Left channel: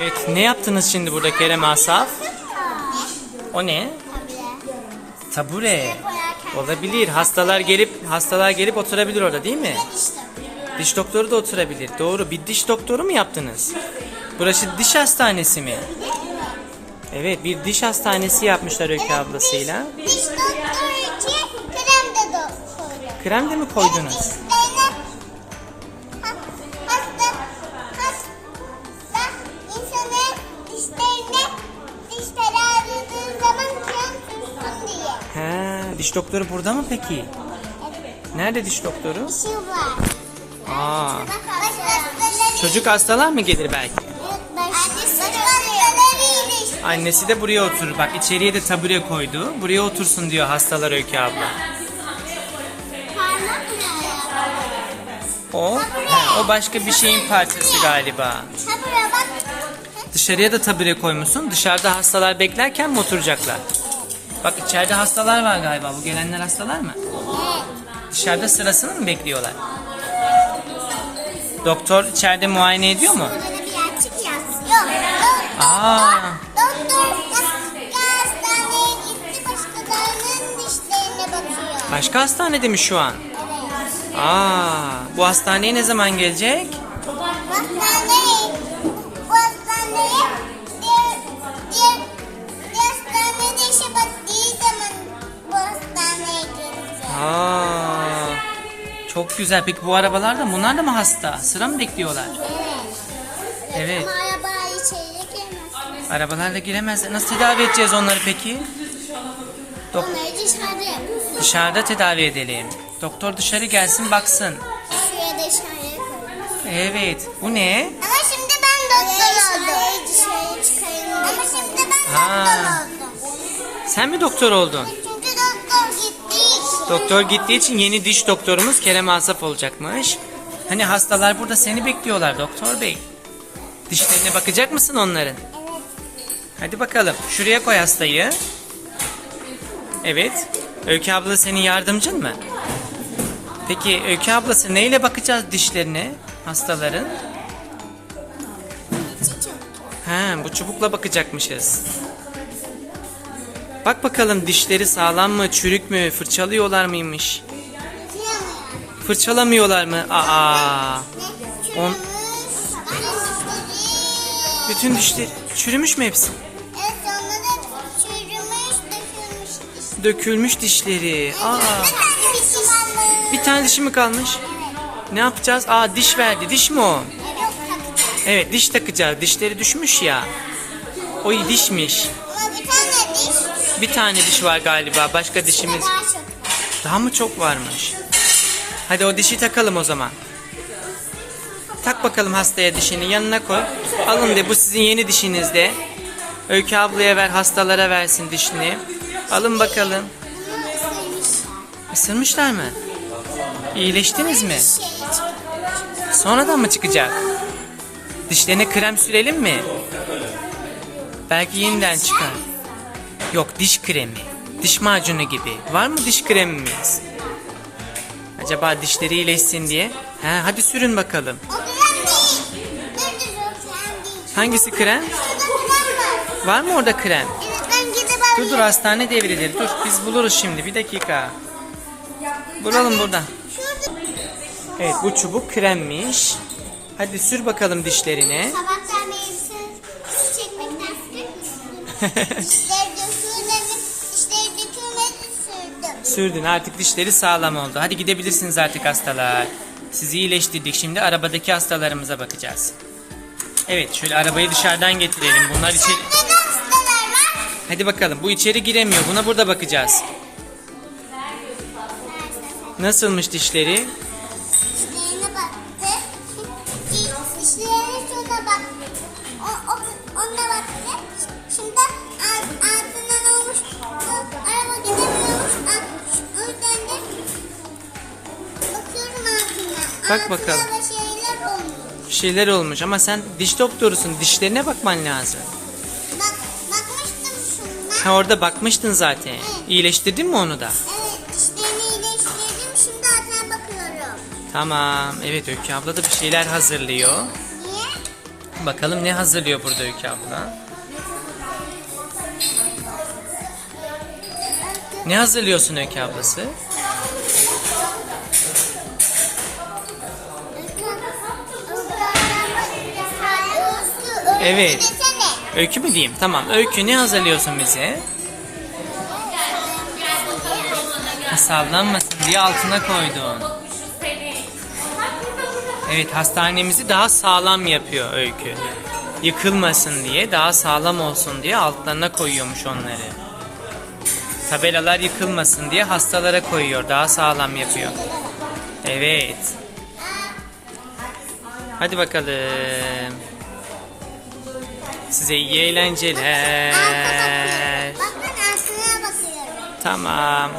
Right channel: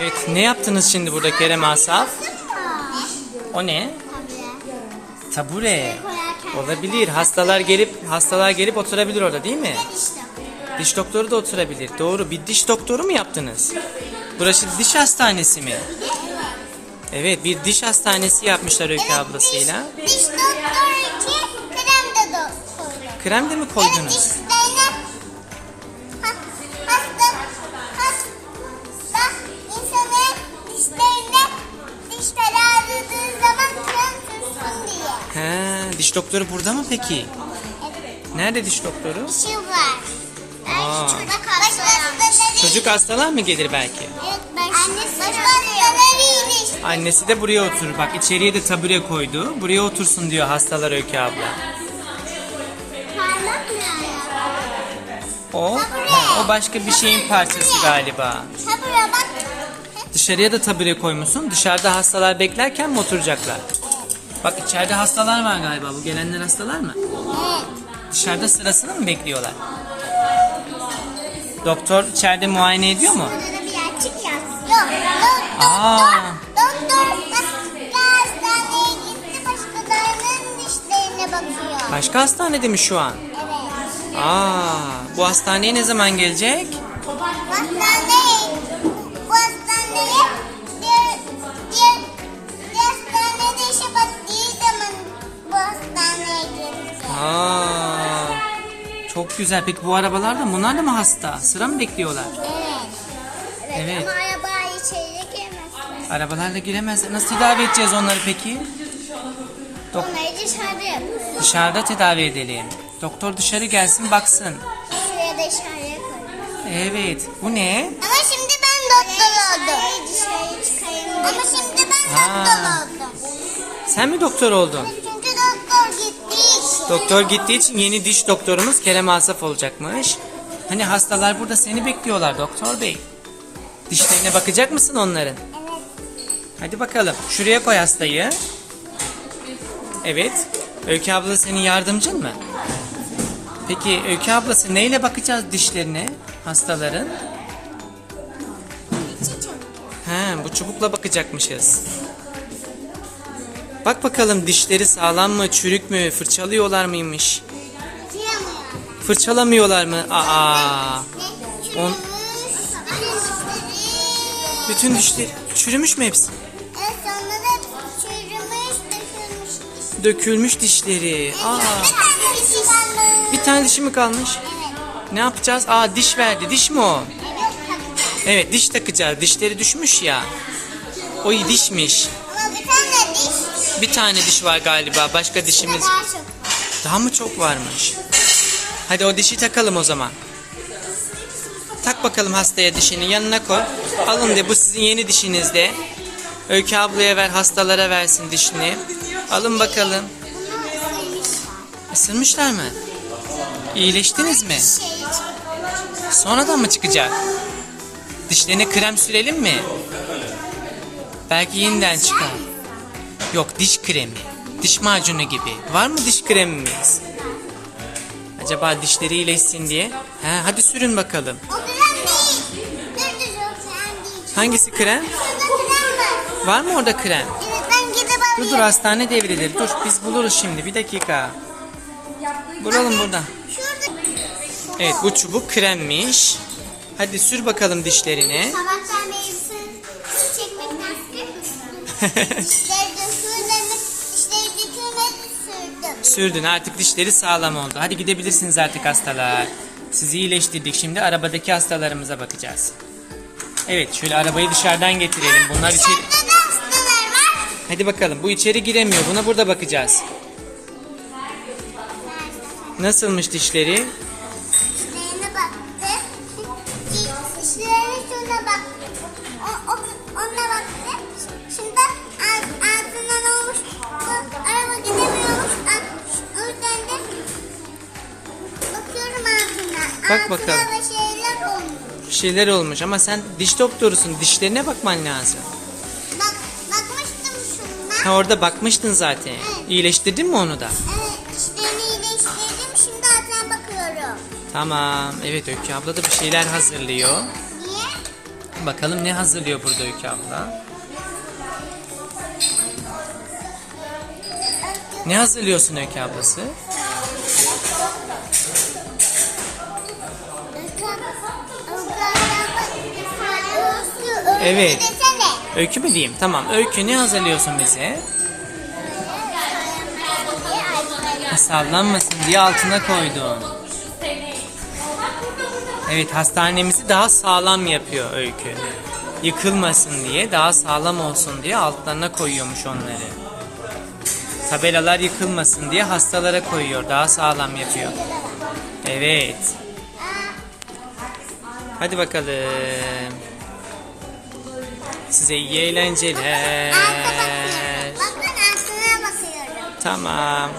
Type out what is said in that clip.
Evet ne yaptınız şimdi burada Kerem Asaf? O ne? Tabure. Olabilir. Hastalar gelip hastalar gelip oturabilir orada değil mi? Diş doktoru da oturabilir. Doğru. Bir diş doktoru mu yaptınız? Burası diş hastanesi mi? Evet bir diş hastanesi yapmışlar Öykü ablasıyla. Krem de mi koydunuz? Sürsün diye. He, diş doktoru burada mı peki? Nerede diş doktoru? Şu var. Aa. Çocuk hastaları. Çocuk hastalar mı gelir belki? Annesi de hastaları Annesi de buraya oturur. Bak içeriye de tabure koydu. Buraya otursun diyor hastalar Öykü abla. O, he, o başka bir şeyin parçası galiba. Tabure bak. Dışarıya da tabure koymuşsun. Dışarıda hastalar beklerken mi oturacaklar? Bak içeride hastalar var galiba. Bu gelenler hastalar mı? Dışarıda sırasını mı bekliyorlar? Doktor içeride muayene ediyor mu? Aa. Doktor başka hastaneye gitti başkalarının dişlerine bakıyor. Başka hastanede mi şu an? Evet. Aa, bu hastaneye ne zaman gelecek? Çok güzel. Peki bu arabalar da bunlar da mı hasta? Sıra mı bekliyorlar? Evet. Ama arabaya içeri girmezler. Arabalarla giremezler. Nasıl tedavi edeceğiz onları peki? Dok- Onları dışarıda yapıyoruz. dışarıda tedavi edelim. Doktor dışarı gelsin baksın. Şuraya dışarıya koyuyoruz. Evet. Bu ne? Ama şimdi ben doktor oldum. Ama şimdi ben Ha. doktor oldum. Sen mi doktor oldun? Doktor gitti. Doktor gittiği için yeni diş doktorumuz Kerem Asaf olacakmış. Hani hastalar burada seni bekliyorlar doktor bey. Dişlerine bakacak mısın onların? Evet. Hadi bakalım. Şuraya koy hastayı. Evet. Öykü abla senin yardımcın mı? Peki Öykü ablası neyle bakacağız dişlerine hastaların? He, bu çubukla bakacakmışız. Bak bakalım dişleri sağlam mı, çürük mü, fırçalıyorlar mıymış? Fırçalamıyorlar mı? Aa. On-. Bütün dişleri çürümüş mü hepsi? Dökülmüş diş. Dökülmüş dişleri. Aa. Bir tane dişi mi kalmış? Ne yapacağız? Aa diş verdi. Diş mi o? Evet diş takacağız. Dişleri düşmüş ya. O dişmiş. Bir tane diş var galiba. Başka dişimiz Daha mı çok varmış? Hadi o dişi takalım o zaman. Tak bakalım hastaya dişini yanına koy. Alın de bu sizin yeni dişiniz de. Öykü ablaya ver hastalara versin dişini. Alın bakalım. Isırmışlar mı? İyileştiniz mi? Sonradan mı çıkacak? Dişlerine krem sürelim mi? Belki yeniden çıkar. Yok diş kremi. Diş macunu gibi. Var mı diş kremimiz? Acaba dişleri iyileşsin diye. He, hadi sürün bakalım. Hangisi krem? Var. Mı orada krem? Dur dur hastane devrilir. Dur biz buluruz şimdi. Bir dakika. Bulalım burada. Evet bu çubuk kremmiş. Hadi sür bakalım dişlerine. Sabahtan beri su çekmekten sürekli Sürdün artık dişleri sağlam oldu. Hadi gidebilirsiniz artık hastalar. Sizi iyileştirdik. Şimdi arabadaki hastalarımıza bakacağız. Evet şöyle arabayı dışarıdan getirelim. Bunlar içeri... Hadi bakalım bu içeri giremiyor. Buna burada bakacağız. Nasılmış dişleri? Dişlerine baktı. Dişlerine şuna baktı. O, o, ona baktı. Bak bakalım. şeyler olmuş. Bir şeyler olmuş ama sen diş doktorusun. Dişlerine bakman lazım. Bak, bakmıştım şuna. Ha orada bakmıştın zaten. İyileştirdin mi onu da? Evet, dişlerini iyileştirdim. Şimdi ağzına bakıyorum. Tamam. Evet Öykü abla da bir şeyler hazırlıyor. Niye? Bakalım ne hazırlıyor burada Öykü abla? Ne hazırlıyorsun Öykü ablası? Evet. Öykü mü diyeyim? Tamam. Öykü ne hazırlıyorsun bize? Ha, Sallanmasın diye altına koydun. Evet hastanemizi daha sağlam yapıyor Öykü. Yıkılmasın diye daha sağlam olsun diye altlarına koyuyormuş onları. Tabelalar yıkılmasın diye hastalara koyuyor. Daha sağlam yapıyor. Evet. Hadi bakalım. Size iyi eğlenceler. Bak ben altına basıyorum. Tamam.